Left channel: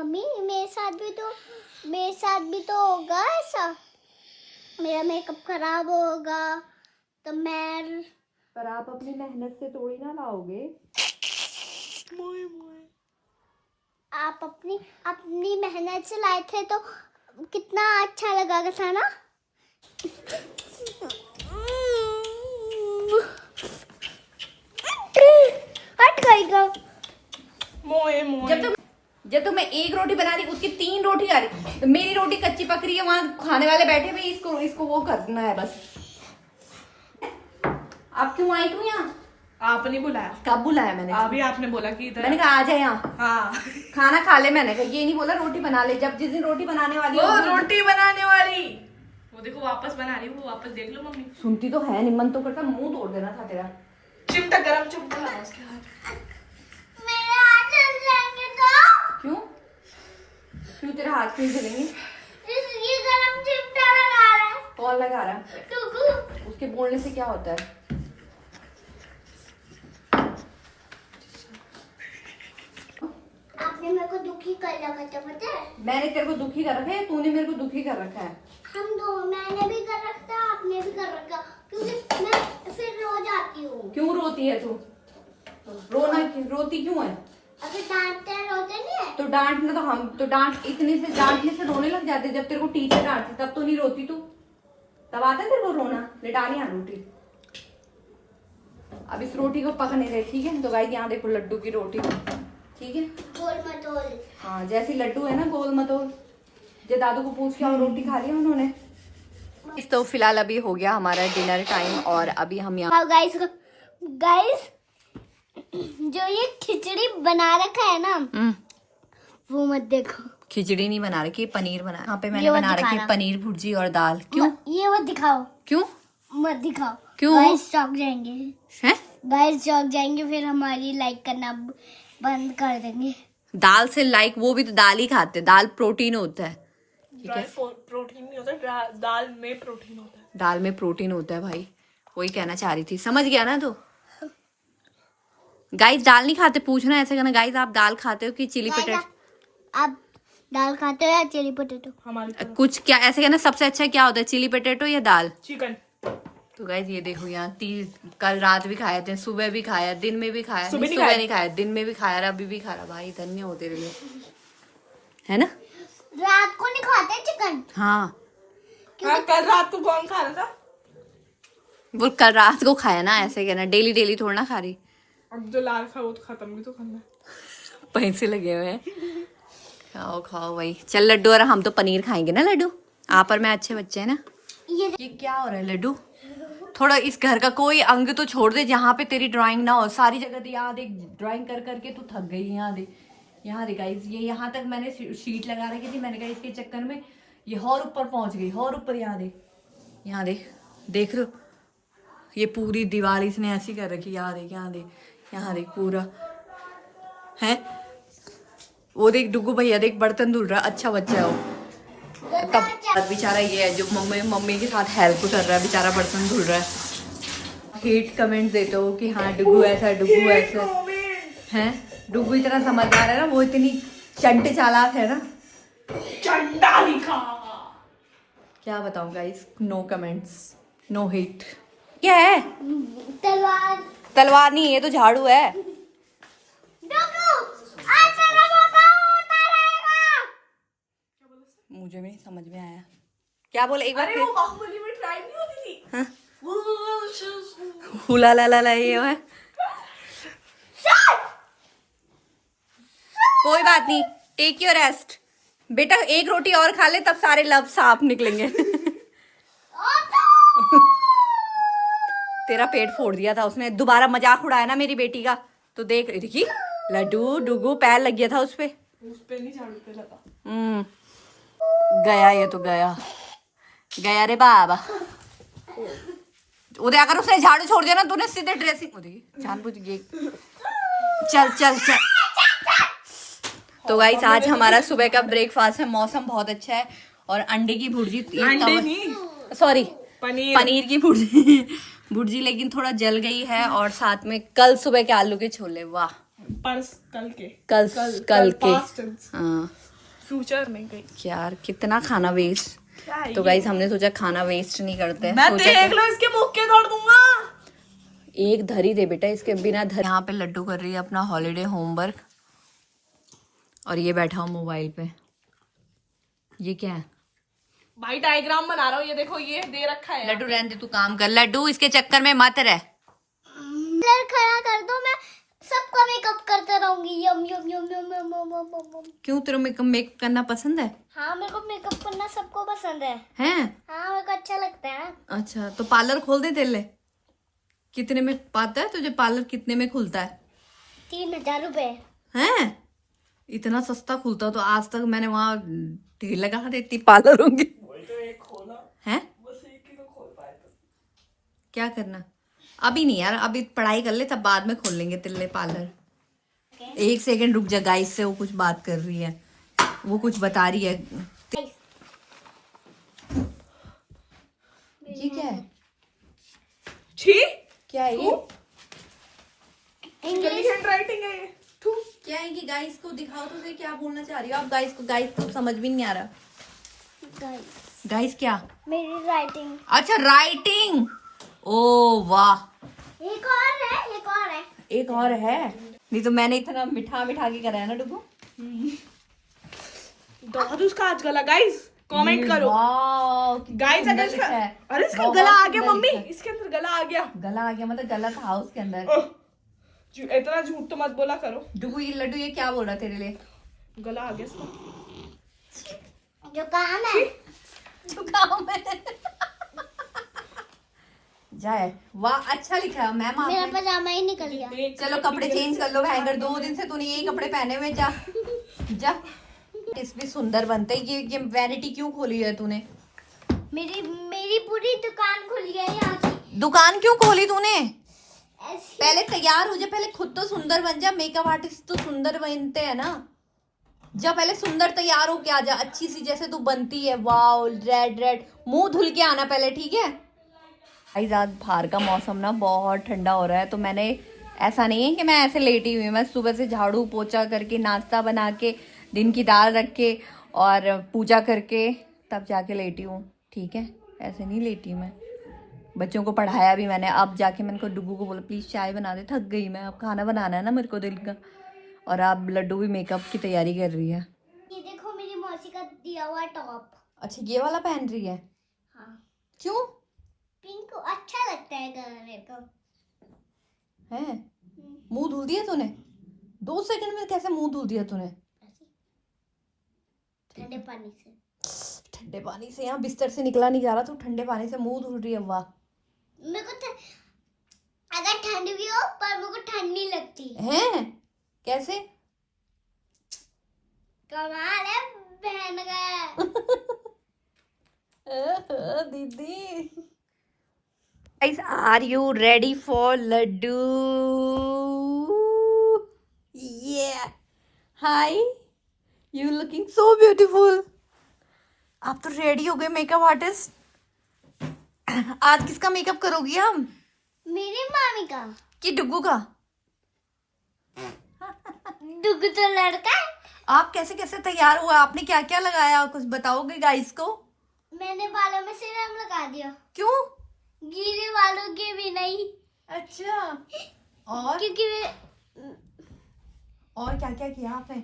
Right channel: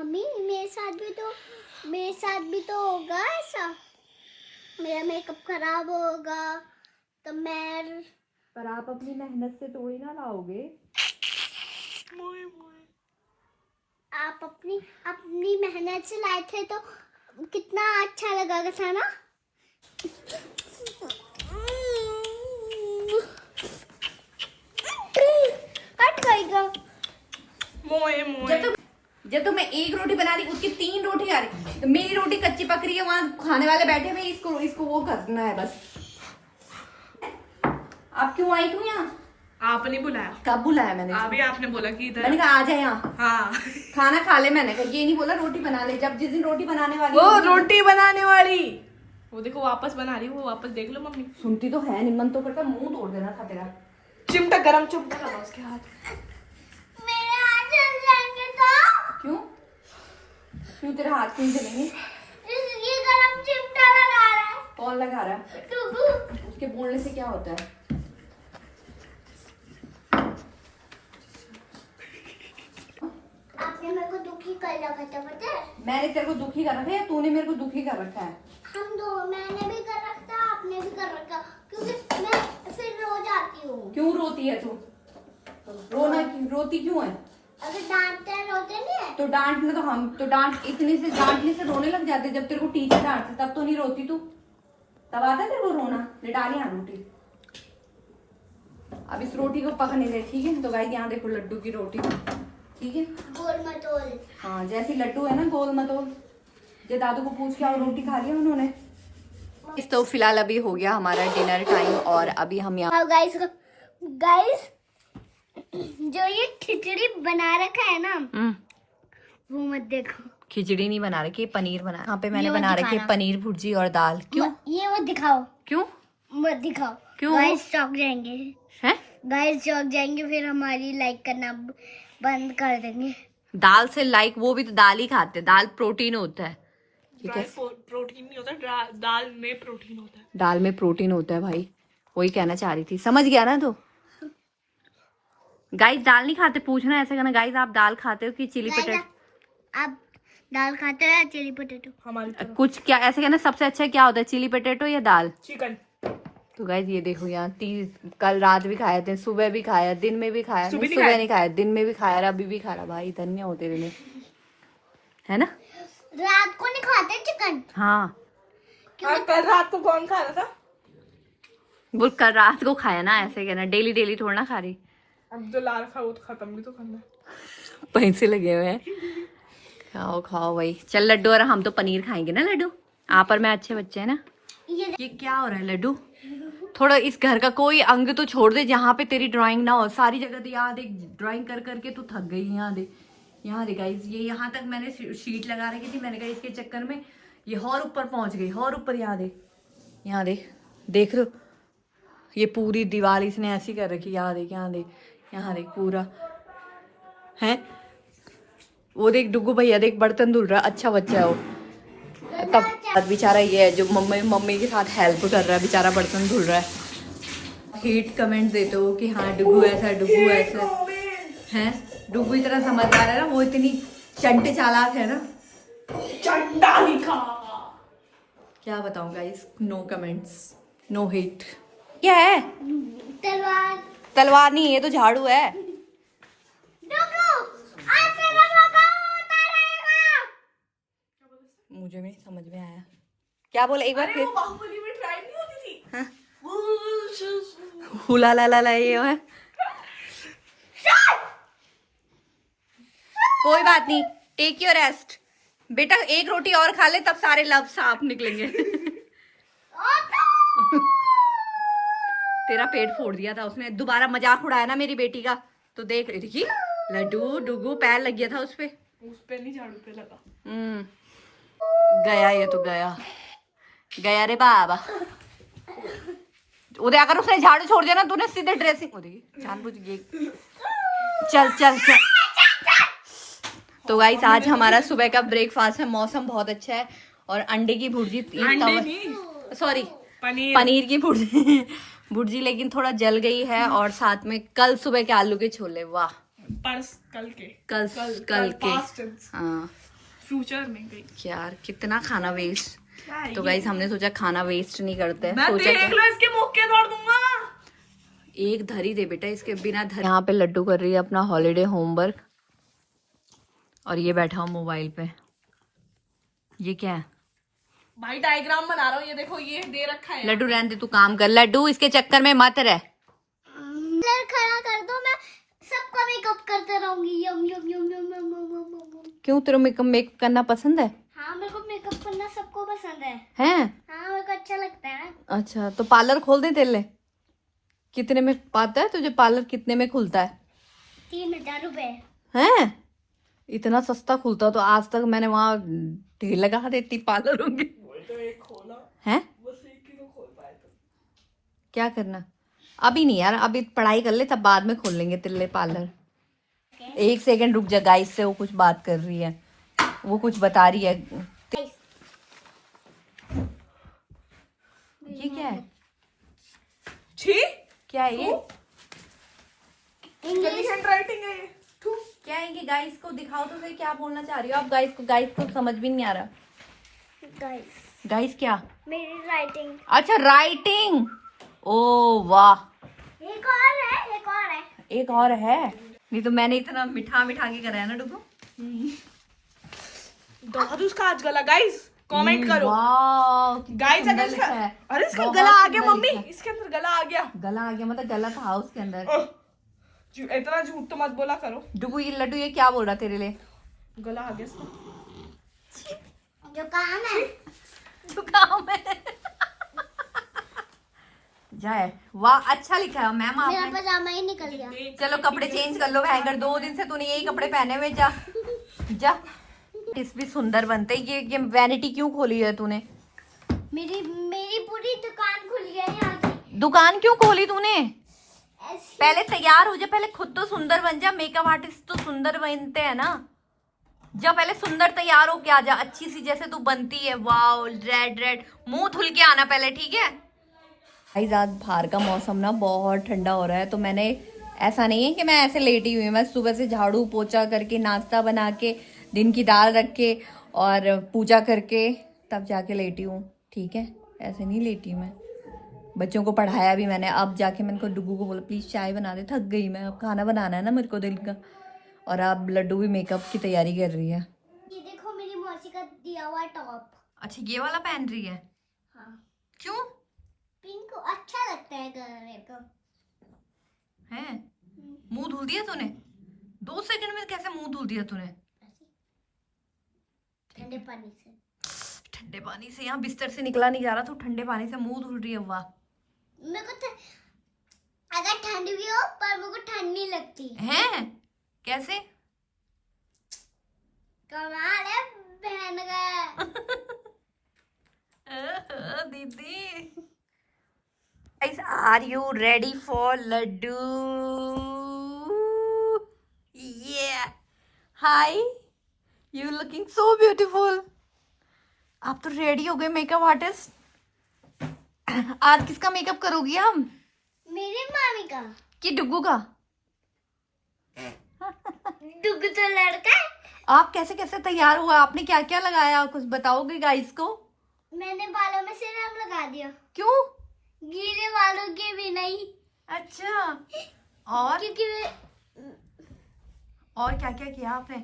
Mummy मेरे साथ भी तो होगा ऐसा, मेरा मेकअप खराब होगा तो मैं। पर आप अपनी मेहनत से थोड़ी ना लाओगे। आप अपनी मेहनत से लाए थे तो कितना अच्छा लगा था ना। हट गईगा। जब तो मैं एक रोटी बना रही उसकी 3 रोटी आ रही, तो मेरी रोटी कच्ची पक रही है, वहां खाने वाले बैठे हुए, इसको वो करना है बस। आप क्यों आई तू यहाँ? आपने बुलाया? कब बुलाया मैंने? अभी आपने बोला कि इधर। मैंने कहा आ जाए यहाँ। हाँ खाना खा ले, मैंने कहा ये नहीं बोला रोटी बना ले। जब जिस दिन रोटी बनाने वाली वो रोटी बनाने वाली, वो देखो वापस बना रही है, वो वापस देख लो मम्मी। सुनती तो है नहीं, मन तो करता मुंह तोड़ देना था तेरा। चिमटा गरम चिमटा लगा उसके हाथ। मेरे हाथ जल जाएंगे तो। क्यों क्यों तेरे हाथ क्यों जलेंगे? ये गरम चिमटा लगा रहा है। कौन लगा रहा है? टुकू। उसके बोलने से क्या होता है? आपने मेरे को दुखी कर रखा था पता है। मैंने तेरे को दुखी कर रखा है, तूने मेरे को दुखी कर रखा है। मैंने भी कर रखा, आपने भी कर रखा, क्योंकि मैं फिर रो जाती हूँ। क्यों रोती है तू? रोती क्यों है? अगर डांटते रोते नहीं है तो डांटना तो हम तो डांटने से रोने लग जाते। जब तेरे को टीचर डांटते तब तो नहीं रोती तू, तब आता है तेरे को रोना। ले डाल यहाँ रोटी। अब इस रोटी को पकने दे, ठीक है? तो गाइस यहाँ देखो लड्डू की रोटी, ठीक है? गोल मटोल। हाँ जैसी लड्डू है ना गोल मटोल। जे दादू को पूछ के और रोटी खा लिया उन्होंने। इस तो फिलहाल अभी हो गया हमारा डिनर टाइम और अभी हम यहाँ गाइस जो ये खिचड़ी बना रखा है ना वो मत देखो। खिचड़ी नहीं बना रखी, पनीर बना। यहाँ पे मैंने ये मत बना रखी है दिखाना। पनीर भुर्जी और दाल। क्यों? ये मत दिखाओ, क्यों मत दिखाओ। क्यों? गाइस चौंक जाएंगे, हैं? गाइस चौंक जाएंगे, फिर हमारी लाइक करना बंद कर देंगे। दाल से लाइक, वो भी तो दाल ही खाते हैं। दाल प्रोटीन होता है। प्रोटीन नहीं होता, दाल में प्रोटीन होता है। दाल में प्रोटीन होता है भाई, वही कहना चाह रही थी। समझ गया ना तो? गाइस दाल नहीं खाते, पूछना ऐसे करना। गाइस आप दाल खाते हो कि चिली पोटैटो? आप दाल खाते हो या चिली पोटैटो? हमारे कुछ क्या ऐसे कहना, सबसे अच्छा क्या होता है, चिली पोटैटो या दाल? चिकन। तो गाइस ये देखो यहाँ कल रात भी खाए थे, सुबह भी खाया, दिन में भी खाया। सुबह नहीं खाया, दिन में भी खाया, अभी भी खा रहा। भाई धन्य होते हुए, है ना? रात को नहीं खाते चिकन? हाँ कल रात को कौन खा रहा था? वो कल रात को खाया ना, ऐसे कहना। डेली डेली थोड़ा ना खा रही। अब जो ला रखा वो तो खत्म भी तो करना। पैसे लगे हुए हैं। खाओ खाओ भाई। चल लड्डू, और हम तो पनीर खाएंगे ना लड्डू। आप और मैं अच्छे बच्चे हैं ना। ये क्या हो रहा है लड्डू? थोड़ा इस घर का कोई अंग तो छोड़ दे जहाँ पे तेरी ड्राइंग ना हो। सारी जगह तो यहाँ देख, ड्राइंग कर करके तू थक गई। यहाँ देख, यहाँ देख गाइस, ये यहाँ तक मैंने शीट लगा रखी थी। मैंने कहा इसके चक्कर में ये और ऊपर पहुंच गई, और ऊपर। यहाँ देख, यहाँ देख, देख लो ये पूरी दीवार इसने ऐसी कर रखी। यहाँ देख, यहाँ देख, यहाँ देख पूरा है। वो देख डुगू भैया देख बर्तन धुल रहा। अच्छा बच्चा है वो। तब बेचारा ये है जो मम्मी के साथ हेल्प कर रहा है, बेचारा बर्तन धुल रहा है। हेट कमेंट देते हो कि हाँ डुगू ऐसा, डुगू ऐसा है। डुगू इतना समझदार है ना, वो इतनी चंटे चालाक है ना। चंटा लिखा। क्या बताऊं guys, no comments, no hate. क्या है? तलवार। तलवार नहीं, ये तो झाड़ू है। मुझे भी समझ में आया क्या बोले। एक बार फिर बाहुबली में ट्राई नहीं होती थी? हाँ? हुला ला ला ला ये है। कोई बात नहीं, टेक योर रेस्ट बेटा। एक रोटी और खा ले, तब सारे लव साफ निकलेंगे। तेरा पेट फोड़ दिया था उसने। दोबारा मजाक उड़ाया ना मेरी बेटी का, तो देख देखी लड्डू डुगू पैर लग गया था उस पे नहीं, झाड़ू पे लगा। गया ये तो गया रे बाबा। उदय अगर उसने झाड़ू छोड़ दिया ना, तूने सीधे ड्रेसिंग जानबूझ गई। चल चल चल। तो गाइस आज हमारा सुबह का ब्रेकफास्ट है। मौसम बहुत अच्छा है और अंडे की भुर्जी, सॉरी पनीर की भुर्जी भुर्जी, लेकिन थोड़ा जल गई है। और साथ में कल सुबह के आलू के छोले। वाह, कल के कल के हाँ। फ्यूचर में गई यार कितना खाना वेस्ट। क्या है तो गाइस हमने सोचा खाना वेस्ट नहीं करते हैं, मैं सोचा देख लो इसके मुक्के तोड़ दूंगा। एक धरी दे बेटा, इसके बिना धरी। यहाँ पे लड्डू कर रही है अपना हॉलीडे होमवर्क और ये बैठा हूँ मोबाइल पे। ये क्या है? भाई डायग्राम बना रहा हूँ, ये देखो ये दे रखा है। लड्डू रहने दे, तू काम कर। लड्डू इसके चक्कर में मत रह। कलर खड़ा कर दो, मैं सबका मेकअप करते रहूंगी। यम यम यम यम यम यम यम यम। क्यों, तेरे मेकअप करना पसंद है? हाँ मेरे को मेकअप करना सबको पसंद है। हैं? हाँ मेरे को अच्छा लगता है। अच्छा तो पार्लर खोल दे तेरे लिए। कितने में पाता है तुझे पार्लर, कितने में खुलता है? 3000 रुपए। हैं? इतना सस्ता खुलता तो आज तक मैंने वहाँ ढेर लगा देती पार्लर होंगे। हैं? क्या करना? अभी नहीं यार, अभी पढ़ाई कर ले तब बाद में खोल लेंगे तेरे लिए पार्लर। एक सेकंड रुक जा, गाइस से वो कुछ बात कर रही है, वो कुछ बता रही है। ये क्या है? छी क्या है ये? इंग्लिश हैंड राइटिंग है ये। थू। क्या है कि गाइस को दिखाओ तो सही, क्या बोलना चाह रही हो आप? गाइस को समझ भी नहीं आ रहा। गाइस क्या? मेरी राइटिंग। अच्छा राइटिंग। ओ वाह, एक और है, एक और है। एक और है। नहीं तो मैंने इतना मिठा के कराया ना डुगू। दादू उसका आज गला गाइस कमेंट करो वाह गाइस। अगर इसका अरे इसका बहुत गला आ गया सुंदर मम्मी, लिखा है। इसके अंदर गला आ गया। गला आ गया मतलब गला था उसके अंदर। इतना झूठ तो मत बोला करो। डुगू ये लड्डू ये क्या बोल रहा तेरे लिए? गला आ गया इसका। जो काम है। तू काम है। जाए वाह, अच्छा लिखा है मैम मेरा आपने। पजामा ही निकल गया। चलो कपड़े चेंज कर लो, हैंगर 2 दिन से तूने यही कपड़े पहने हुए। जा जा। इस भी सुंदर बनते। ये वैनिटी क्यों खोली है तूने? मेरी मेरी पूरी दुकान खुल गई है यहाँ की। दुकान क्यों खोली तूने? ऐसी। पहले तैयार हो जा, पहले खुद तो सुंदर बन जा। मेकअप आर्टिस्ट तो सुंदर बनते हैं ना। जब पहले सुंदर तैयार हो के आ जा, अच्छी सी जैसे तू बनती है। वाओ रेड मुंह धुल के आना पहले, ठीक है? गाइस आज बाहर का मौसम ना बहुत ठंडा हो रहा है, तो मैंने ऐसा नहीं है कि मैं ऐसे लेटी हुई हूँ। मैं सुबह से झाड़ू पोछा करके, नाश्ता बना के, दिन की दाल रख के और पूजा करके तब जाके लेटी हूँ, ठीक है? ऐसे नहीं लेटी मैं। बच्चों को पढ़ाया भी मैंने। अब जाके मैंने को डुगू को बोला प्लीज़ चाय बना दे, थक गई मैं, अब खाना बनाना है ना मेरे को दिल का। और अब लड्डू भी मेकअप की तैयारी कर रही है। ये देखो मेरी मौसी का दिया हुआ टॉप। अच्छा ये वाला पहन रही है? हाँ क्यों? पिंक अच्छा लगता है कलर मेरे को। है? मुंह धुल दिया तूने? 2 सेकंड में कैसे मुंह धुल दिया तूने? ठंडे पानी से। ठंडे पानी से? यहाँ बिस्तर से निकला नहीं जा रहा तो ठंडे पानी से मुंह धुल रही है। वाह। मेरे को अगर ठंड भी हो पर मेरे को ठंड नहीं लगती है? कैसे? कमाल है बहन का। दीदी guys, are you ready for laddu? Yeah. Hi. You looking so beautiful. आप तो रेडी हो गए मेकअप आर्टिस्ट। आज किसका मेकअप करोगी आप? मेरी मामी का। कि डुगू का? डुगू तो लड़का है। आप कैसे कैसे तैयार हुआ? आपने क्या क्या लगाया, कुछ बताओगे गाइस को? मैंने बालों में सीरम लगा दिया। क्यों? गीले बालों के भी नहीं। अच्छा। और क्योंकि और क्या क्या किया आपने?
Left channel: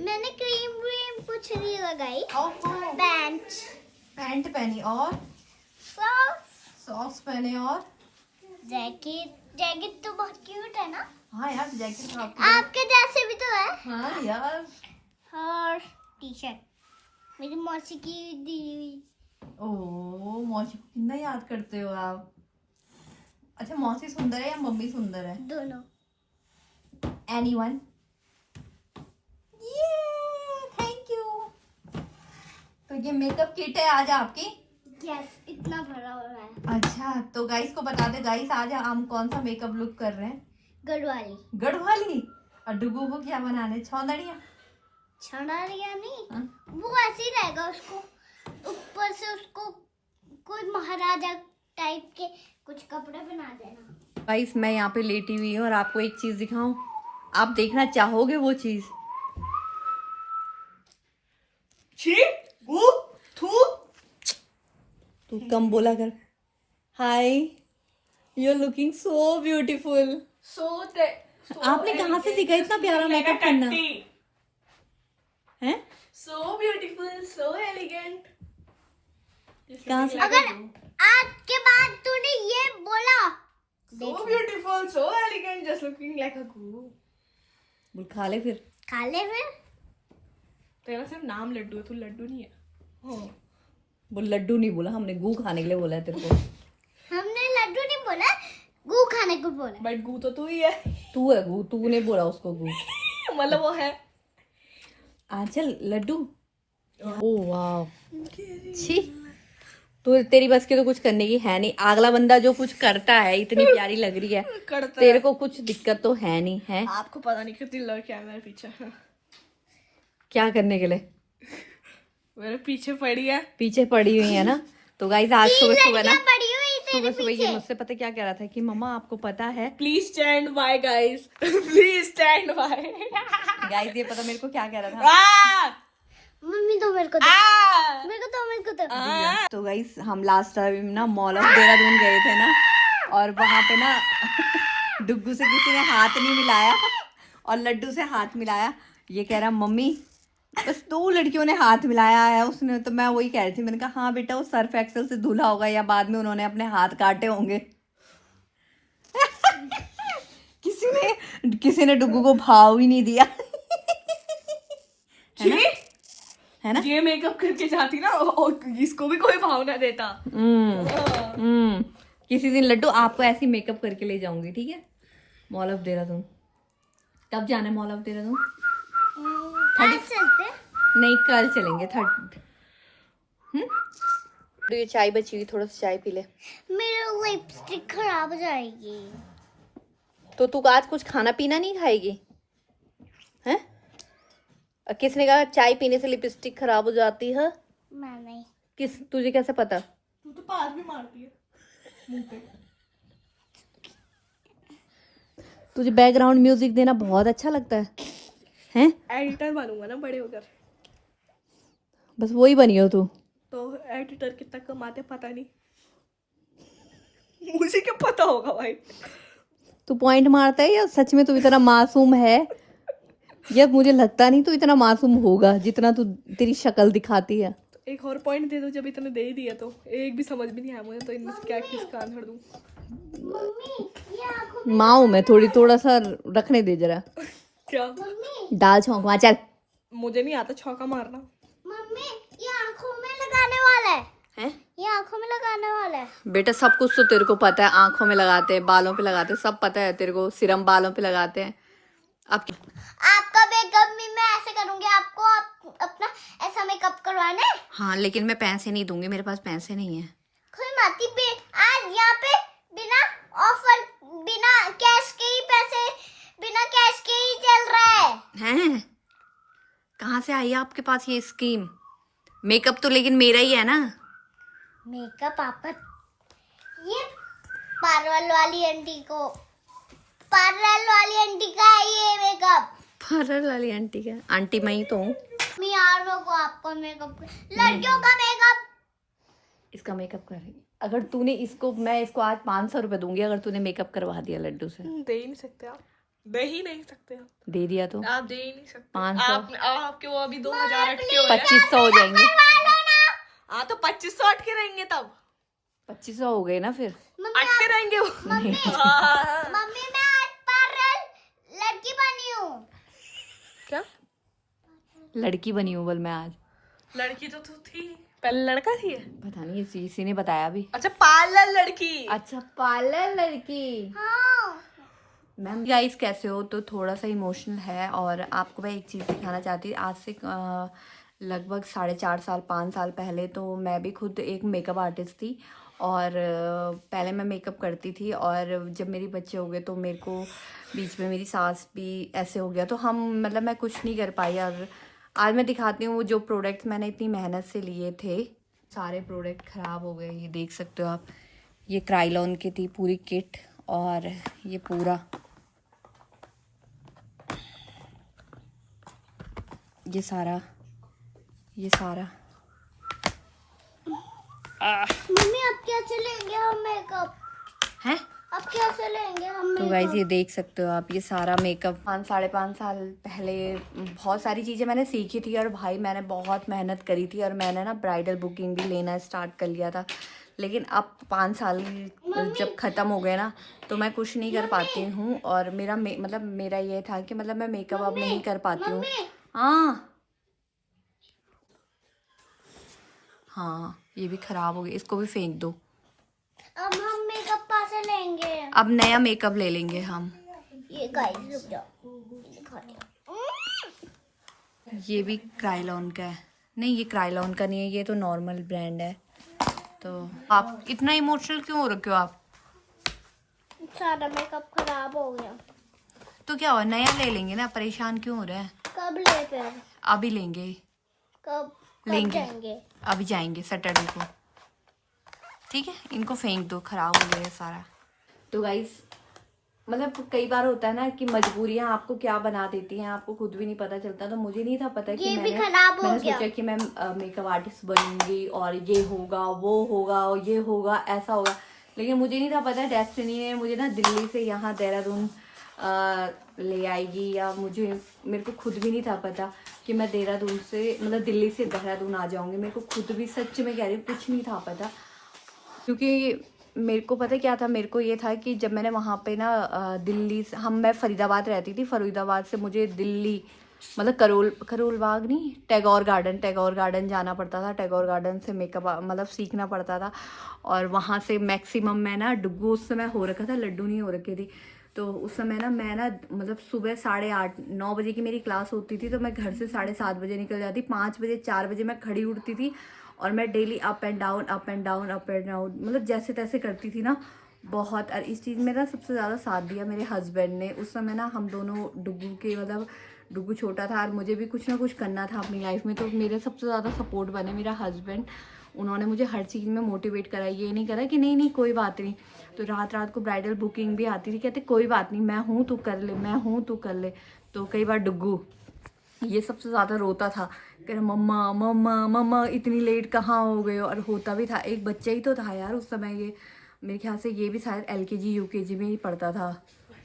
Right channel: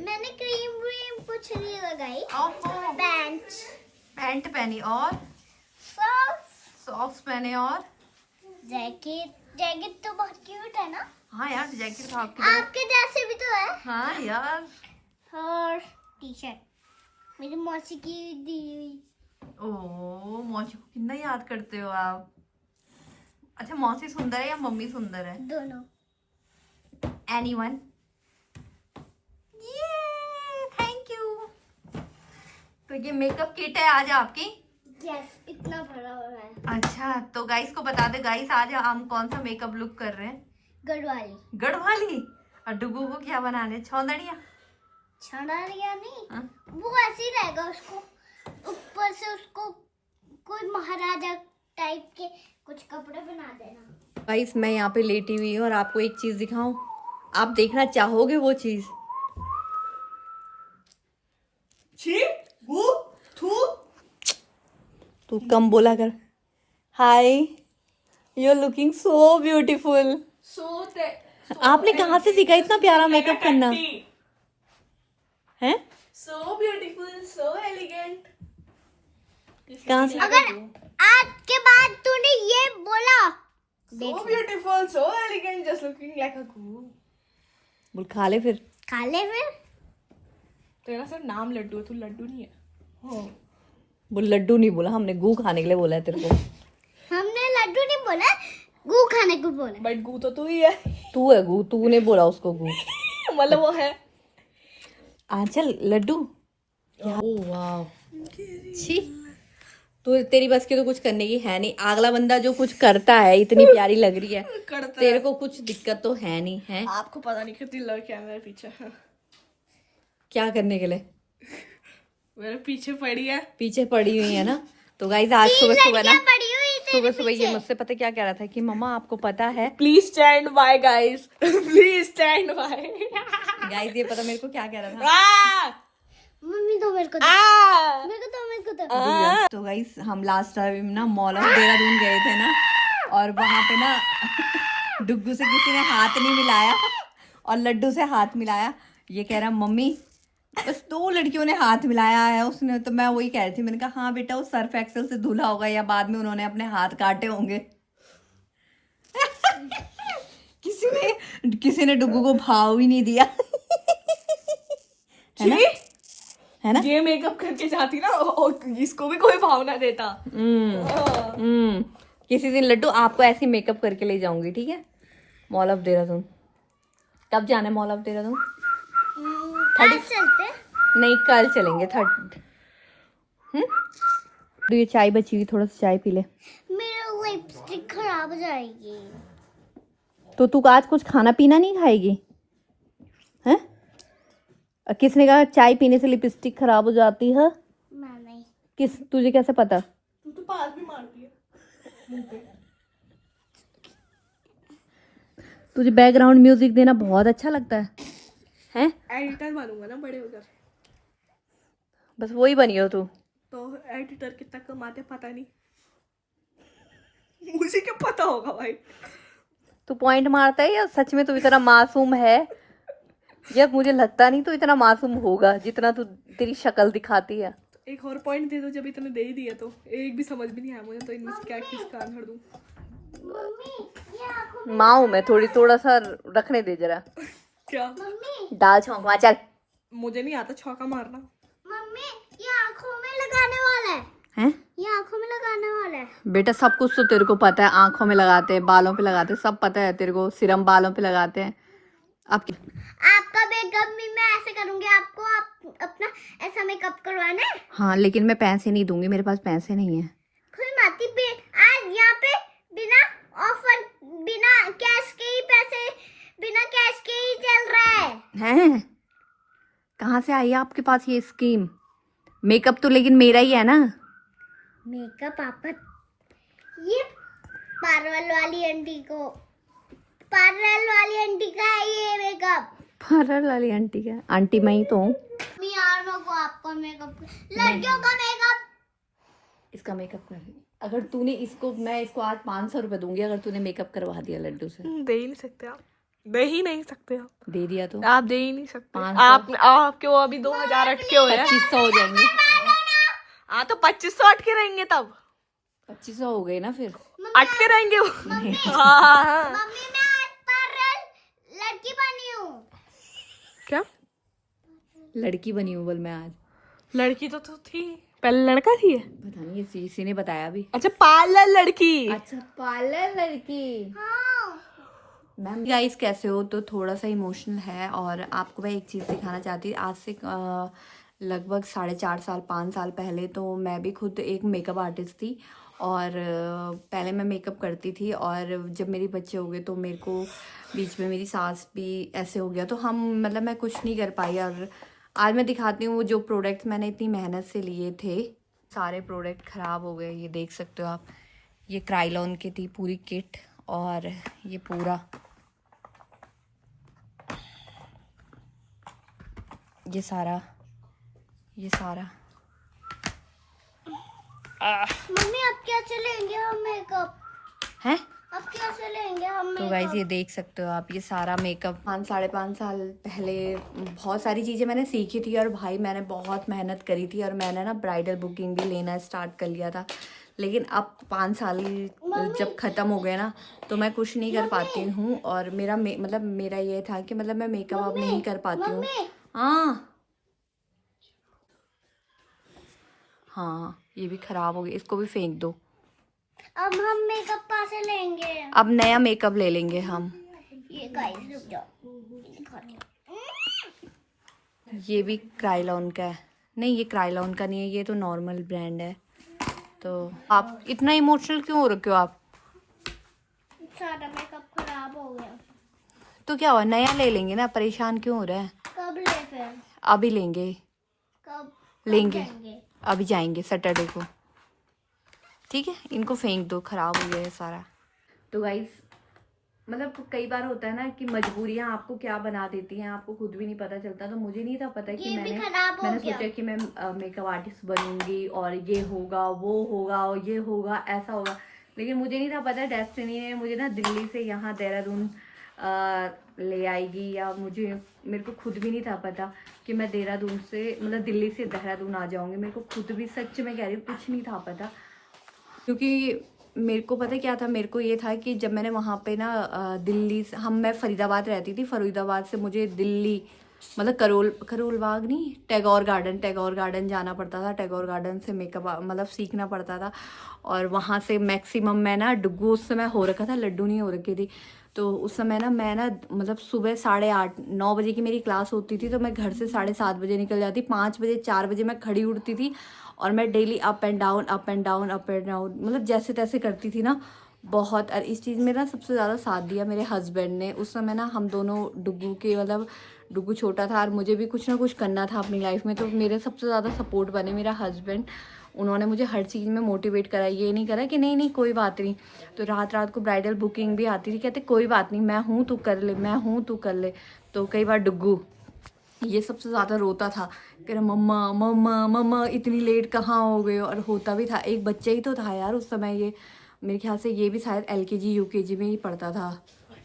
मैंने क्रीम कुछ नहीं लगाई। ओहो। पैंट पहनी और सॉक्स पहने और जैकेट तो बहुत क्यूट है ना। हाँ यार जैकेट तो आपके जैसे भी तो है। हाँ यार। और टी शर्ट मेरी मौसी की दी हुई। ओ मौसी को कितना याद करते हो आप। अच्छा मौसी सुंदर है या मम्मी सुंदर है? दोनों। एनीवन? Thank you. तो ये मेकअप किट है आज आपकी? यस इतना भरा हो रहा है। अच्छा तो गाइस को बता दे गाइस, आज हम कौन सा मेकअप लुक कर रहे हैं? गढ़वाली। गढ़वाली। और डुगू को क्या बनाने? छौंदड़िया? छड़ारिया नहीं। हाँ? वो ऐसे ही रहेगा, उसको ऊपर से उसको कोई महाराजा टाइप के कुछ कपड़े बना देना। गाइस मैं यहाँ पे लेटी हुई हूँ और आपको एक चीज दिखाऊं, आप देखना चाहोगे वो चीज? छी वो थू तू कम बोला कर। Hi, you are looking so beautiful. सोते आपने कहाँ से सीखा इतना प्यारा मेकअप करना है? So beautiful so elegant. कहाँ से? अगर आज के बाद तूने ये बोला so beautiful so elegant just looking like a गू। बोल खा ले फिर। खा ले फिर। तेरा सिर्फ नाम लड्डू है, तू लड्डू नहीं है। बोल लड्डू नहीं बोला हमने, गू खाने के लिए बोला है तेरे को। हमने लड्डू नहीं बोला, गू खाने को बोला। बट गू तो तू ही है। तू है गू, तूने बोला उसको गू। मतलब वो है। आंचल लड्डू। ओ वाह, छी, तो तेरी बस की तो कुछ करने की है नहीं। अगला बंदा जो कुछ करता है इतनी प्यारी लग रही है, करता तेरे को कुछ दिक्कत तो है नहीं है? आपको पता नहीं कितनी लड़के हैं मेरे पीछे। क्या करने के लिए मेरे पीछे पड़ी है। पीछे पड़ी हुई है ना? तो गाइस आज सुबह सुबह ना, पड़ी हुई थी सुबह सुबह ये मुझसे पता क्या कह रहा था कि मम्मा आपको पता है। Please stand by guys, please stand by. Guys ये पता मेरे को क्या कह रहा था। मम्मी तो मेरे को दो, मेरे को तो मेरे को तो। तो गाइस हम लास्ट टाइम ना मॉल ऑफ देहरादून गए थे ना, और वहां पे ना डुग्गू से किसी ने हाथ नहीं मिलाया और लड्डू से हाथ मिलाया। ये कह रहा मम्मी बस 2 लड़कियों ने हाथ मिलाया है उसने। तो मैं वही कह रही थी, मैंने कहा हाँ बेटा वो सर्फ एक्सेल से धुला होगा या बाद में उन्होंने अपने हाथ काटे होंगे। किसी ने डुग्गू को भाव ही नहीं दिया। है ना? है ना? ये मेकअप करके जाती ना और इसको भी कोई भावना देता। किसी दिन लड्डू आपको ऐसे मेकअप करके ले जाऊंगी, ठीक है? Mall of Dehradun. कब जाना है मॉल ऑफ देहरादून? आज चलते। नहीं कल चलेंगे। ये चाय बची हुई, थोड़ा सा चाय पी ले। मेरी लिपस्टिक खराब हो जाएगी। तो तू आज कुछ खाना पीना नहीं खाएगी हैं? किसने कहा चाय पीने से लिपस्टिक खराब हो जाती है? मैं नहीं। किस, तुझे कैसे पता? तू तो पास भी मारती है मुंह पे। तुझे बैकग्राउंड म्यूजिक देना बहुत अच्छा लगता है हैं? एडिटर बनूंगा ना बड़े होकर। बस वही बनी हो तू। तो एडिटर कितना कमाते पता नहीं, मुझे क्या पता होगा भाई। तू पॉइंट मारता है या सच में तू इतना मासूम है? या मुझे लगता नहीं तू इतना मासूम होगा जितना तू तेरी शक्ल दिखाती है। तो एक और पॉइंट दे दो, जब इतने दे ही दिया तो एक भी समझ भी नहीं आया मुझे, तो इनमें से क्या किस कान धर दूं। मम्मी ये आंखों माँ हूं मैं, थोड़ा सा रखने दे जरा। क्या? दाल छौंक वहाँ चल। मुझे नहीं आता छौका मारना। मम्मी ये आंखों में लगाने वाला है। हैं? ये आंखों में लगाने वाला है। बेटा सब कुछ तो तेरे को पता है, आंखों में लगाते हैं, बालों पे लगाते हैं, सब पता है तेरे को। सिरम बालों पे लगाते हैं। अब आपका मेकअप भी मैं ऐसे करूंगी, आपको अपना ऐसा मेकअप करवाना है। हाँ लेकिन मैं पैसे नहीं दूंगी, मेरे पास पैसे नहीं है। कोई माती भी आज यहाँ पे बिना ऑफर, बिना कैश के ही पैसे, बिना कैश के ही चल रहा है। हैं? कहाँ से आई है आपके पास ये स्कीम? मेकअप तो लेकिन मेरा ही है ना। मेकअप आपका, ये पार्लर वाली आंटी को, पार्लर वाली आंटी का है ये मेकअप। पार्लर वाली आंटी का? आंटी मैं ही तो हूँ। मैं यार मेरे को आपका मेकअप, लड़कियों का मेकअप। इसका मेकअप कर रही। अगर तूने इसको, मैं इसको आज 500 रुपए दूंगी अगर तूने मेकअप करवा दिया लड्डू से। दे ही नहीं सकते आप, दे ही नहीं सकते आप। दे दिया तो आप दे ही नहीं सकते। 500। आपके वो अभी 2000 अटके हो रहे हैं। 2500 हो जाएंगे। हाँ तो 2500 अटके रहेंगे तब। 2500 हो गए ना फिर। अटके रहेंगे वो। हाँ। मम्मी मैं आज पार्लर लड़की बनी हूँ। क्या लड़की बनी हूँ बोल मैं आज। लड़की तो थी, पहले लड़का थी ये। पता नहीं ये इसी ने बताया अभी। अच्छा पार्लर लड़की। अच्छा पार्लर लड़की। हाँ। मैम गाइस कैसे हो? तो थोड़ा सा इमोशनल है और आपको मैं एक चीज़ दिखाना चाहती हूँ। आज से लगभग 4.5 साल 5 साल पहले तो मैं भी खुद एक मेकअप आर्टिस्ट थी और पहले मैं मेकअप करती थी। और जब मेरे बच्चे हो गए तो मेरे को बीच में मेरी सास भी ऐसे हो गया, तो हम मतलब मैं कुछ नहीं कर पाई। और आज मैं दिखाती हूँ वो जो प्रोडक्ट्स मैंने इतनी मेहनत से लिए थे, सारे प्रोडक्ट ख़राब हो गए। ये देख सकते हो आप, ये क्राइलॉन की थी पूरी किट और ये पूरा ये सारा ये सारा। मम्मी अब कैसे लेंगे हम मेकअप? है अब कैसे लेंगे हम तो गाइज ये देख सकते हो आप, ये सारा मेकअप 5-5.5 साल पहले बहुत सारी चीज़ें मैंने सीखी थी और भाई मैंने बहुत मेहनत करी थी और मैंने ना ब्राइडल बुकिंग भी लेना स्टार्ट कर लिया था। लेकिन अब 5 साल जब ख़त्म हो गए ना तो मैं कुछ नहीं कर पाती हूँ और मतलब मेरा ये था कि मतलब मैं मेकअप अब नहीं कर पाती हूँ। हाँ ये भी ख़राब हो गया, इसको भी फेंक दो। अब हम मेकअप कहाँ से लेंगे? अब नया मेकअप ले लेंगे हम। ये गाइस रुक जाओ, दिखाती हूँ। ये भी क्राइलॉन का है। नहीं ये क्राइलॉन का नहीं है, ये तो नॉर्मल ब्रांड है। तो आप इतना इमोशनल क्यों हो रखे हो आप? सारा मेकअप खराब हो गया। तो क्या हुआ, नया ले लेंगे ना, परेशान क्यों हो रहा है? कब ले फिर? अभी लेंगे। कब लेंगे जाएंगे? अभी जाएंगे सैटरडे को। ठीक है इनको फेंक दो, खराब हो गया है सारा। तो गाइस मतलब कई बार होता है ना कि मजबूरियां आपको क्या बना देती हैं, आपको खुद भी नहीं पता चलता। तो मुझे नहीं था पता कि मैंने सोचा कि मैं मेकअप आर्टिस्ट बनूंगी और ये होगा वो होगा और ये होगा ऐसा होगा। लेकिन मुझे नहीं था पता डेस्टिनी ने मुझे ना दिल्ली से यहाँ देहरादून ले आएगी, या मेरे को खुद भी नहीं था पता कि मैं देहरादून से मतलब दिल्ली से देहरादून आ जाऊँगी। मेरे को खुद भी सच में कह रही हूँ कुछ नहीं था पता, क्योंकि मेरे को पता क्या था, मेरे को ये था कि जब मैंने वहाँ पे ना दिल्ली से मैं फरीदाबाद रहती थी, फरीदाबाद से मुझे दिल्ली मतलब करोल बाग नहीं, टैगोर गार्डन जाना पड़ता था। टैगोर गार्डन से मेकअप मतलब सीखना पड़ता था और वहाँ से मैक्सिमम मैं ना डुग्गू उस समय हो रखा था, लड्डू नहीं हो रखी थी। तो उस समय ना मैं ना मतलब सुबह 8:30-9 बजे की मेरी क्लास होती थी, तो मैं घर से 7:30 बजे निकल जाती। 5 बजे 4 बजे मैं खड़ी उठती थी और मैं डेली अप एंड डाउन मतलब जैसे तैसे करती थी ना बहुत। और इस चीज़ में ना सबसे ज़्यादा साथ दिया मेरे हस्बैंड ने। उस समय ना हम दोनों डुग्गू के मतलब डुग्गू छोटा था और मुझे भी कुछ ना कुछ करना था अपनी लाइफ में, तो मेरे सबसे ज़्यादा सपोर्ट बने मेरा हस्बैंड। उन्होंने मुझे हर चीज़ में मोटिवेट करा, ये नहीं करा कि नहीं कोई बात नहीं। तो रात को ब्राइडल बुकिंग भी आती थी, कहते कोई बात नहीं मैं हूँ तू कर ले, मैं हूँ तू कर ले। तो कई बार डुग्गू ये सबसे ज़्यादा रोता था, कह रहा मम्मा मम्मा मम्मा इतनी लेट कहाँ हो गए हो। और होता भी था, एक बच्चा ही तो था यार उस समय। ये मेरे ख्याल से ये भी शायद LKG UKG में ही पढ़ता था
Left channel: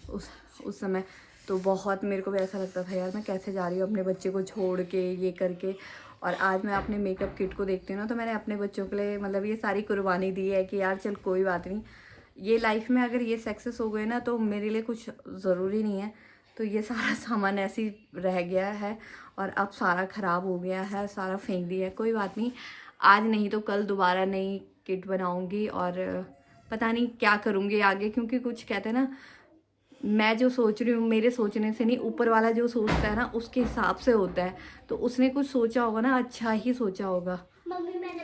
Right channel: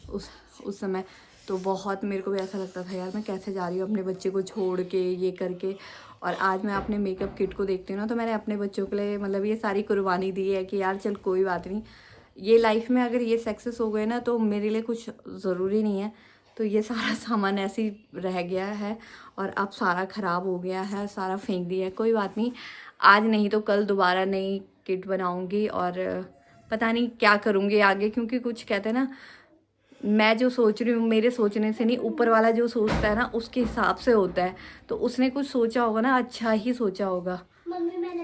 उस समय। तो बहुत मेरे को भी ऐसा लगता था यार मैं कैसे जा रही हूँ अपने बच्चे को छोड़ के ये करके। और आज मैं अपने मेकअप किट को देखती हूँ ना तो मैंने अपने बच्चों के लिए मतलब ये सारी कुर्बानी दी है कि यार चल कोई बात नहीं, ये लाइफ में अगर ये सक्सेस हो गए ना तो मेरे लिए कुछ ज़रूरी नहीं है। तो ये सारा सामान ऐसे ही रह गया है और अब सारा ख़राब हो गया है, सारा फेंक दिया है। कोई बात नहीं, आज नहीं तो कल दोबारा नई किट बनाऊंगी और पता नहीं क्या करूँगी आगे, क्योंकि कुछ कहते हैं ना मैं जो सोच रही हूँ मेरे सोचने से नहीं, ऊपर वाला जो सोचता है ना उसके हिसाब से होता है। तो उसने कुछ सोचा होगा ना, अच्छा ही सोचा होगा। मम्मी मैंने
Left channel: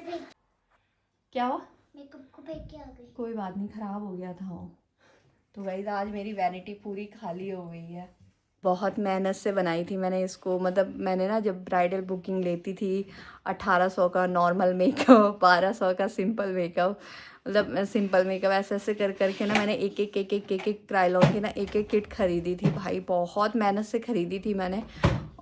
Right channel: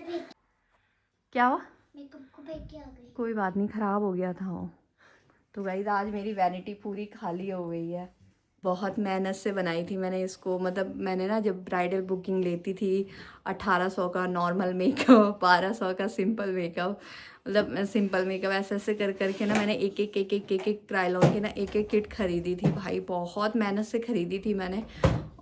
क्या हुआ? मेकअप को फेंक के आ गई। कोई बात नहीं, ख़राब हो गया था वो। तो गाइस आज मेरी वैनिटी पूरी खाली हो गई है। बहुत मेहनत से बनाई थी मैंने इसको। मतलब मैंने ना जब ब्राइडल बुकिंग लेती थी 1800 का नॉर्मल मेकअप, 1200 का सिंपल मेकअप, मतलब सिंपल मेकअप ऐसे कर करके ना मैंने एक क्राइलॉन की ना एक किट खरीदी थी भाई। बहुत मेहनत से खरीदी थी मैंने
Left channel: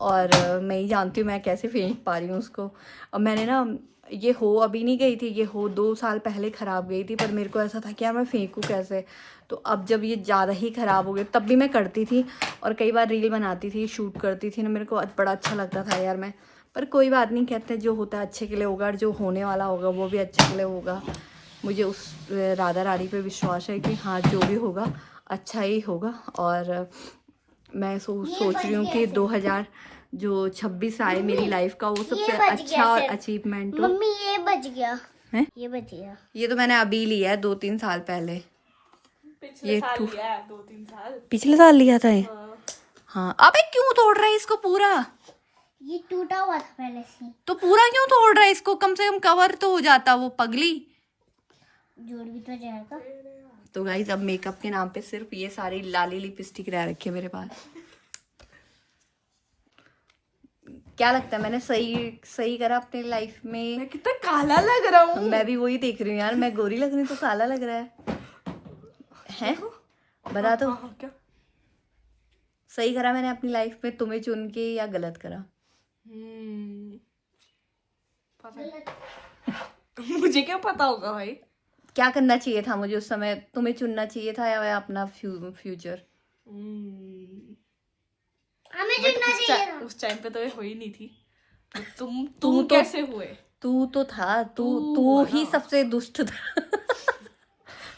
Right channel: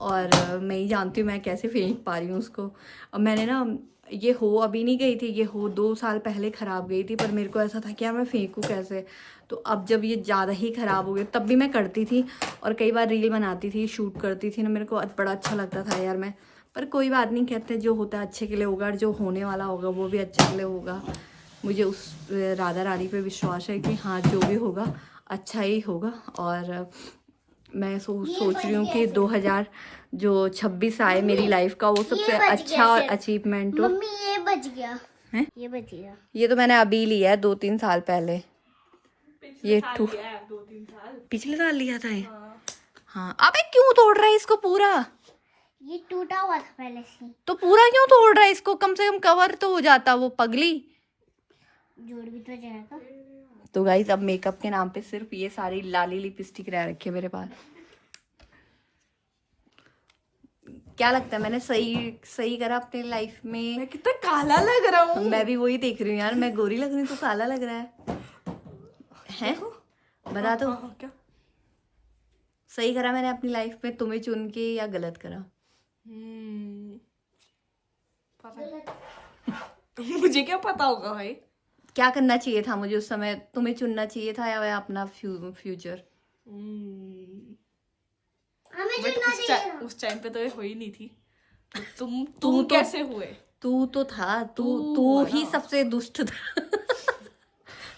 और मैं ही जानती हूँ मैं कैसे फेंक पा रही हूँ उसको। अब मैंने ना ये हो अभी नहीं गई थी, ये हो 2 साल पहले ख़राब गई थी, पर मेरे को ऐसा था कि यार मैं फेंकूँ कैसे। तो अब जब ये ज़्यादा ही ख़राब हो गई, तब भी मैं करती थी और कई बार रील बनाती थी, शूट करती थी ना, मेरे को बड़ा अच्छा लगता था यार मैं। पर कोई बात नहीं, कहते हैं जो होता है अच्छे के लिए होगा और जो होने वाला होगा वो भी अच्छे के लिए होगा। मुझे उस राधा रानी पे विश्वास है कि हाँ जो भी होगा अच्छा ही होगा। और मैं सोच रही हूँ कि 2026 आए मेरी लाइफ का वो सबसे अच्छा और अचीवमेंट हो। मम्मी ये बच गया है, ये बच गया। ये तो मैंने अभी लिया है 2-3 साल पहले। ये पिछले साल लिया था ये। हाँ अबे क्यों तोड़ रहा है इसको पूरा? ये टूटा हुआ था पहले से। तो पूरा क्यों तोड़ रहा है इसको? कम से कम कवर तो हो जाता वो पगली। जोड़ भी तो जाएगा। तो गाइस अब मेकअप के नाम पे सिर्फ ये सारी लाली लिपस्टिक रह रखी है मेरे पास। क्या लगता है मैंने सही करा अपने लाइफ में? मैं कितना काला लग रहा हूँ। मैं भी वही देख रही हूँ यार, मैं गोरी लग रही हूँ तो काला लग रहा है? बता दो क्या सही करा मैंने अपनी लाइफ में तुम्हें चुन के या गलत करा? मुझे क्या पता होगा भाई। क्या करना चाहिए था मुझे उस समय? तुम्हें चुनना चाहिए था या अपना फ्यूचर? हमें बट चुनना चाहिए था। उस टाइम पे तो ये हो ही नहीं थी। तो तुम तो कैसे हुए? तू तो था, तू हुआ ही ना। सबसे दुष्ट था।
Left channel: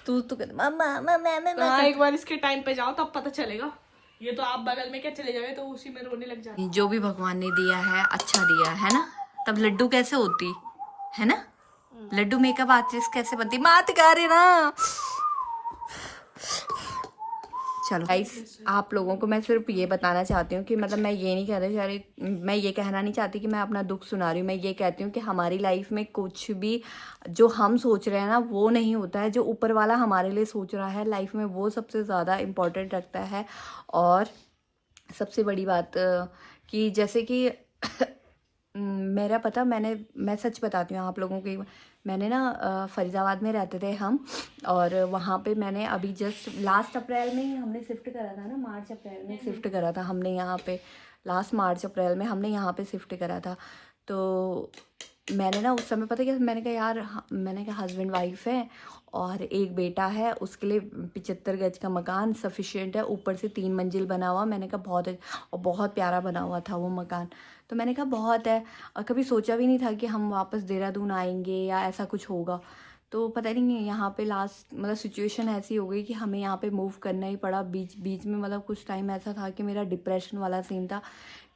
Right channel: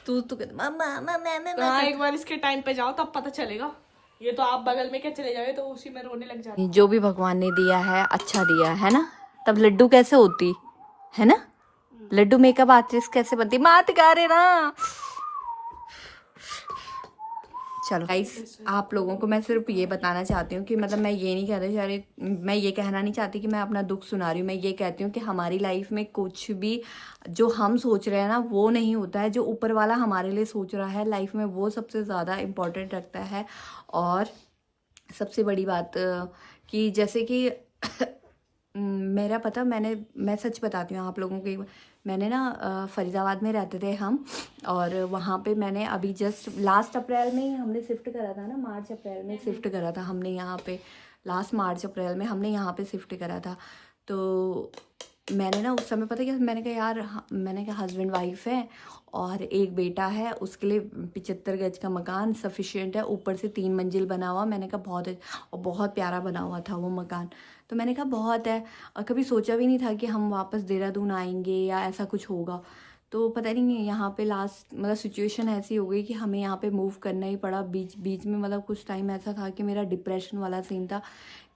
तू तो कहता मम्मा मम्मा मम्मा हाँ, करता। एक बार इसके टाइम पे जाओ तब पता चलेगा। ये तो आप बगल में क्या चले जाओगे तो उसी में रोने लग जाए। जो भी भगवान ने दिया है अच्छा दिया है ना। तब लड्डू कैसे होती है ना? लड्डू मेकअप आर्टिस्ट कैसे बनती? मात गा रहे ना। चलो गाइस, आप लोगों को मैं सिर्फ ये बताना चाहती हूँ कि मतलब मैं ये नहीं कह रही चाह रही, मैं ये कहना नहीं चाहती कि मैं अपना दुख सुना रही हूँ। मैं ये कहती हूँ कि हमारी लाइफ में कुछ भी जो हम सोच रहे हैं ना वो नहीं होता है। जो ऊपर वाला हमारे लिए सोच रहा है लाइफ में वो सबसे ज़्यादा इम्पोर्टेंट रखता है। और सबसे बड़ी बात कि जैसे कि मेरा पता मैं सच बताती हूँ आप लोगों को। मैंने ना फरीदाबाद में रहते थे हम, और वहाँ पे मैंने अभी जस्ट लास्ट अप्रैल में ही हमने शिफ्ट करा था ना, मार्च अप्रैल में शिफ्ट करा था हमने यहाँ पे। लास्ट मार्च अप्रैल में हमने यहाँ पे शिफ्ट करा था। तो मैंने ना उस समय पता क्या मैंने कहा यार, मैंने कहा हस्बैंड वाइफ है और एक बेटा है, उसके लिए 75 गज का मकान सफिशिएंट है, ऊपर से 3 मंजिल बना हुआ। मैंने कहा बहुत है, और बहुत प्यारा बना हुआ था वो मकान। तो मैंने कहा बहुत है, और कभी सोचा भी नहीं था कि हम वापस देहरादून आएंगे या ऐसा कुछ होगा। तो पता नहीं यहाँ पे लास्ट मतलब सिचुएशन ऐसी हो गई कि हमें यहाँ पे मूव करना ही पड़ा। बीच बीच में मतलब कुछ टाइम ऐसा था कि मेरा डिप्रेशन वाला सीन था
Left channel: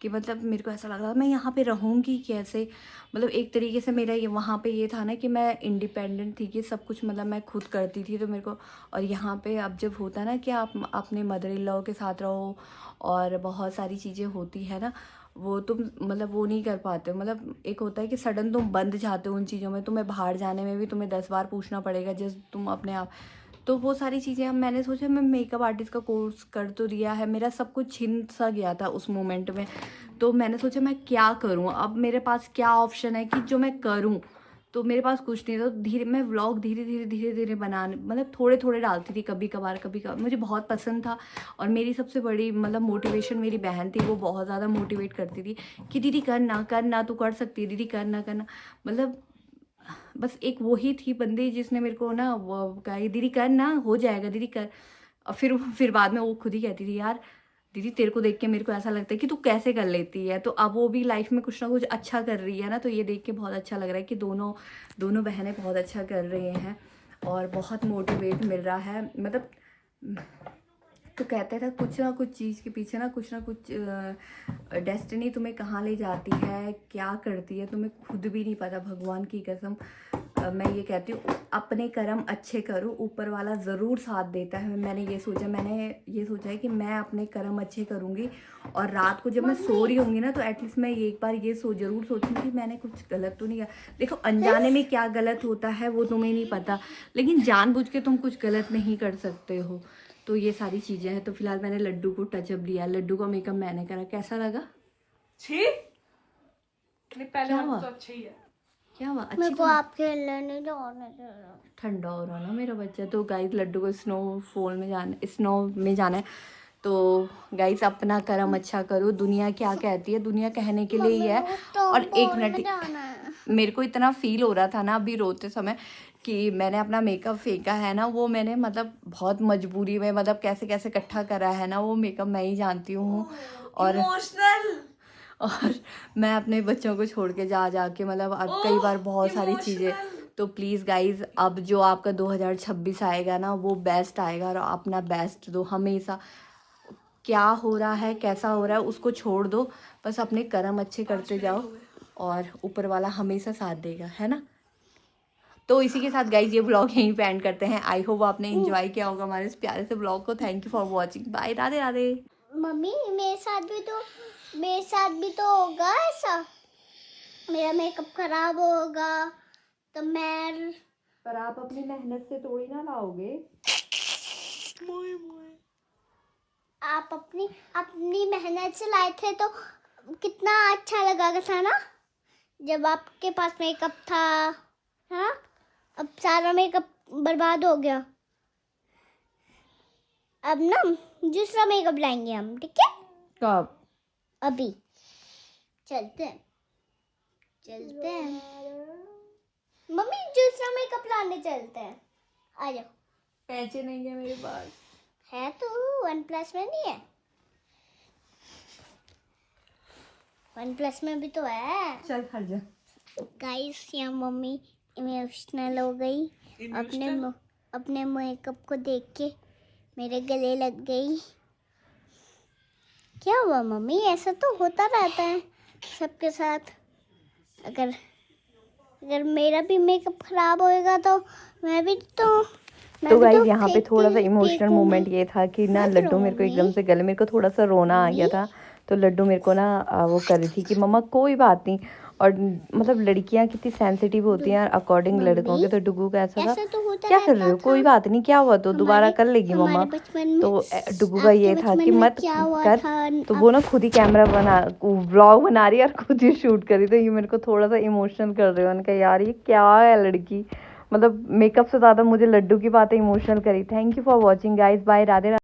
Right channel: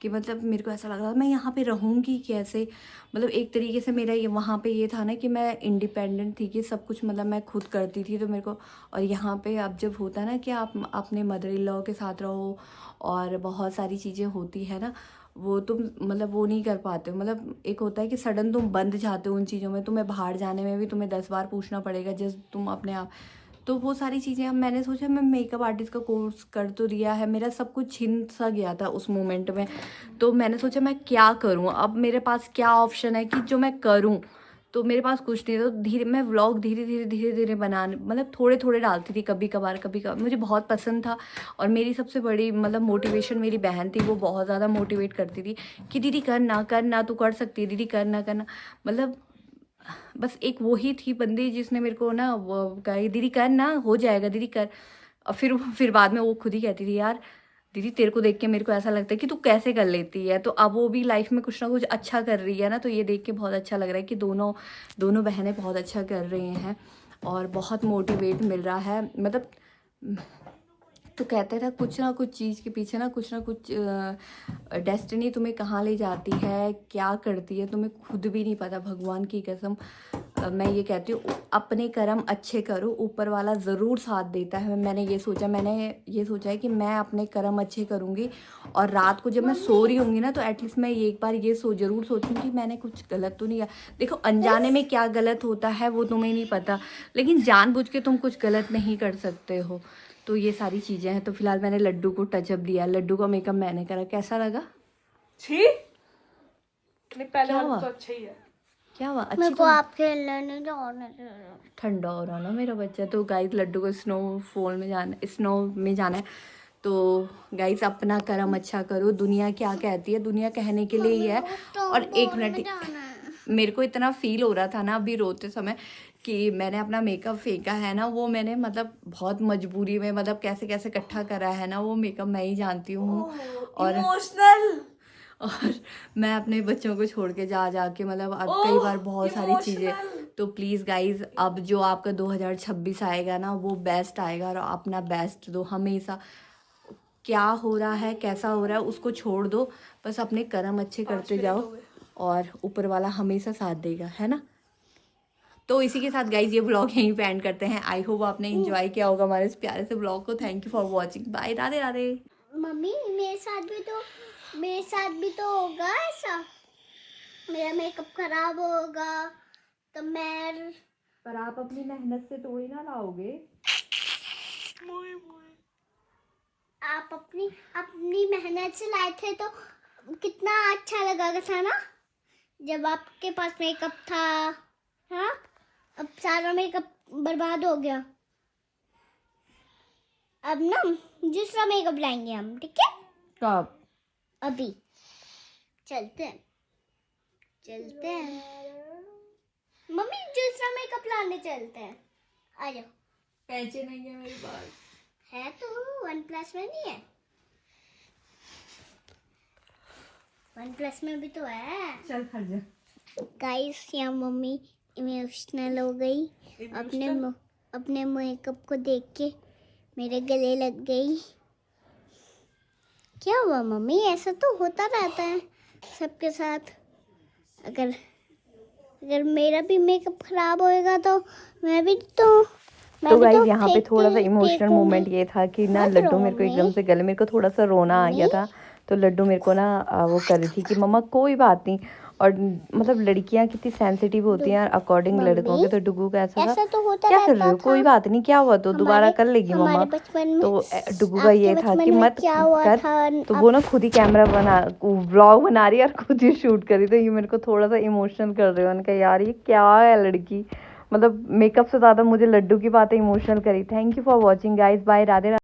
कि मतलब मेरे को ऐसा लग रहा था मैं यहाँ पे रहूँगी कैसे। मतलब एक तरीके से मेरा ये वहाँ पे ये था ना कि मैं इंडिपेंडेंट थी, कि सब कुछ मतलब मैं खुद करती थी। तो मेरे को, और यहाँ पे अब जब होता है ना कि आप अपने मदर इन लॉ के साथ रहो और बहुत सारी चीज़ें होती है ना, वो तुम मतलब वो नहीं कर पाते हो। मतलब एक होता है कि सडन तुम बंद जाते हो उन चीज़ों में, तुम्हें बाहर जाने में भी तुम्हें 10 बार पूछना पड़ेगा जब तुम अपने आप। तो वो सारी चीज़ें अब मैंने सोचा मैं मेकअप आर्टिस्ट का कोर्स कर तो दिया है, मेरा सब कुछ छिन सा गया था उस मोमेंट में। तो मैंने सोचा मैं क्या करूँ, अब मेरे पास क्या ऑप्शन है कि जो मैं करूँ। तो मेरे पास कुछ नहीं था। तो धीरे मैं व्लॉग धीरे धीरे बनाने मतलब थोड़े थोड़े डालती थी, कभी कभार मुझे बहुत पसंद था। और मेरी सबसे बड़ी मतलब मोटिवेशन मेरी बहन थी, वो बहुत ज़्यादा मोटिवेट करती थी कि दीदी करना तू कर सकती है, दीदी करना। मतलब बस एक वो ही थी बंदी जिसने मेरे को ना वो कहा दीदी करना, हो जाएगा दीदी कर। और फिर बाद में वो खुद ही कहती थी यार दीदी तेरे को देख के मेरे को ऐसा लगता है कि तू कैसे कर लेती है। तो अब वो भी लाइफ में कुछ ना कुछ अच्छा कर रही है ना, तो ये देख के बहुत अच्छा लग रहा है कि दोनों बहनें बहुत अच्छा कर रही हैं और बहुत मोटिवेट मिल रहा है। मतलब तो कहते थे कुछ ना कुछ चीज़ के पीछे ना कुछ डेस्टिनी तुम्हें कहाँ ले जाती है, क्या करती है, तुम्हें खुद भी नहीं पता। भगवान की कसम मैं ये कहती हूँ अपने कर्म अच्छे करो, ऊपर वाला ज़रूर साथ देता है। मैंने ये सोचा है कि मैं अपने कर्म अच्छे करूँगी, और रात को जब मैं सो रही होंगी ना तो एटलीस्ट मैं एक बार ये ज़रूर सोचूँ कि मैंने कुछ गलत तो नहीं किया। देखो अनजाने में क्या गलत होता है वो तुम्हें नहीं पता, लेकिन जानबूझ के तुम कुछ गलत नहीं कर सकते हो। तो ये सारी चीज़ें हैं। तो फिलहाल मैंने लड्डू को टचअप दिया, लड्डू का मेकअप मैंने करा। कैसा लगा? छी, पहले क्या हुआ? तो अच्छा ही है। क्या हुआ? मेरे को अच्छा आप खेलने नहीं जाने दे रहे। ठंडा हो रहा ना मेरा बच्चा। तो गाइस लड्डू को स्नो में जाना है। तो गाइस अपना कर्म अच्छा करो। दुनिया क्या कहती है, दुनिया कहने के लिए ही है। और एक मिनट, मेरे को इतना फील हो रहा था ना अभी रोते समय कि मैंने अपना मेकअप फेंका है ना, वो मैंने मतलब बहुत मजबूरी में मतलब कैसे कैसे इकट्ठा करा है ना, वो मेकअप मैं ही जानती हूँ। और मैं अपने बच्चों को छोड़ के जा के मतलब अब कई बार बहुत सारी चीज़ें। तो प्लीज़ गाइज अब जो आपका 2026 आएगा ना वो बेस्ट आएगा, और अपना बेस्ट दो हमेशा। क्या हो रहा है कैसा हो रहा है उसको छोड़ दो, बस अपने कर्म अच्छे करते जाओ और ऊपर वाला हमेशा साथ देगा, है ना। तो इसी के साथ गाइज ये ब्लॉग यहीं पे एंड करते हैं। आई होप आपने एंजॉय किया होगा हमारे इस प्यारे से ब्लॉग को। Thank you for watching, bye, Radhe Radhe. Mummy मेरे साथ भी तो होगा ऐसा, मेरा मेकअप खराब होगा तो मैं। पर आप अपनी मेहनत से थोड़ी ना लाओगे। आप अपनी मेहनत से लाए थे तो कितना अच्छा लगा था ना, जब आपके पास मेकअप था। हाँ, अब सारा मेकअप बर्बाद हो गया। अब ना दूसरा मेकअप लाएंगे हम, ठीक है? कब? अभी चलते हैं। मम्मी दूसरा मेकअप लाने चलते हैं, आ जाओ। पैसे नहीं है मेरे पास। है तो OnePlus में नहीं है, OnePlus में भी तो है। चल खड़ जा। गाइस यहाँ मम्मी इमोशनल हो गई, अपने मेकअप को देख के मेरे गले लग गई। क्या हुआ मम्मी, ऐसा तो होता रहता है सबके साथ। अगर मेरा भी मेकअप खराब होएगा तो मैं भी तो गाइज यहाँ पे फेंक थोड़ा सा के इमोशनल फेंकूंगी। मोमेंट ये था कि ना मत लड्डू रो मेरे को मम्मी। एकदम से गले, मेरे को थोड़ा सा रोना आ गया था। तो लड्डू मेरे को ना वो कर रही थी कि मम्मा कोई बात नहीं। और मतलब लड़कियां कितनी सेंसिटिव होती हैं अकॉर्डिंग लड़कों के। तो डुगू का ऐसा था, ऐसा तो होता क्या कर रहे हो, रहता कोई था। बात नहीं, क्या हुआ, तो दोबारा कर लेगी हमारे मम्मा। बचपन में, तो डुगू का ये आपके था बचपन कि में मत क्या हुआ कर। था? तो वो ना खुद ही कैमरा बना, व्लॉग बना रही है और खुद ही शूट कर रही। तो ये मेरे को थोड़ा सा इमोशनल कर रहे हो। उनका यार ये क्या है लड़की, मतलब मेकअप से ज़्यादा मुझे लड्डू की बातें इमोशनल करी। Thank you for watching guys, bye, Radhe Radhe.